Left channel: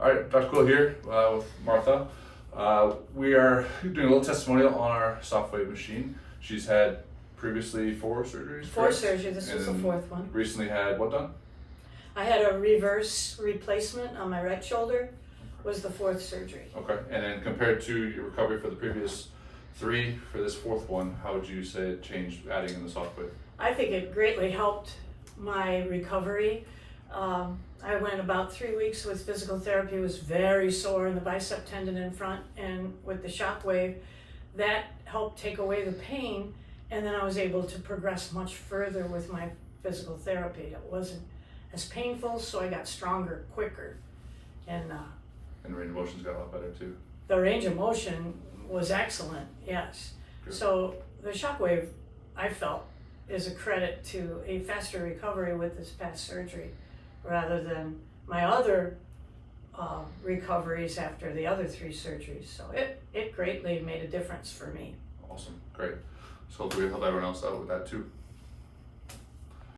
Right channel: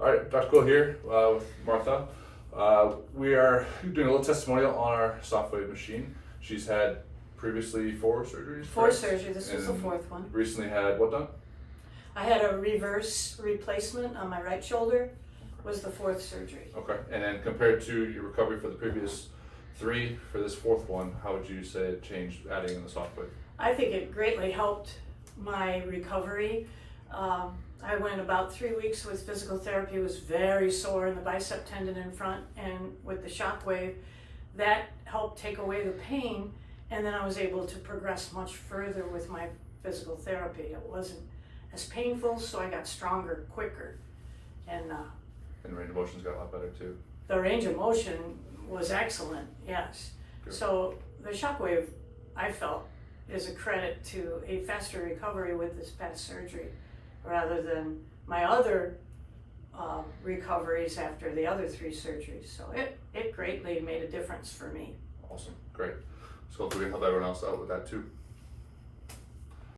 All right, Dr. Cool here with Martha. We are doing a little testimonial on our SoftWave machine. She's had previously 4 surgeries. Four surgeries. This was the And 4th one. Recently had what done? I had a reverse replacement on my right shoulder. Was the 4th surgery. Okay, and then compared to your recovery for the previous 3, for this 4th one, how would you say it changed adding in the SoftWave? I think it greatly helped my recovery. I went about 3 weeks with physical therapy, was very sore in the bicep tendon in front, and with the ShockWave, that helped take away the pain, and then I was able to progress much further with my physical therapy. It wasn't as painful, so I got stronger quicker, and And the range of motion's got a lot better too. the range of motion was excellent, yes. Good. So the ShockWave, I felt, is a credit to a faster recovery with this past surgery rather than my other recoveries after the other 3 surgeries. So it greatly made a difference for me. Awesome, great. So hopefully we help everyone else out with that too.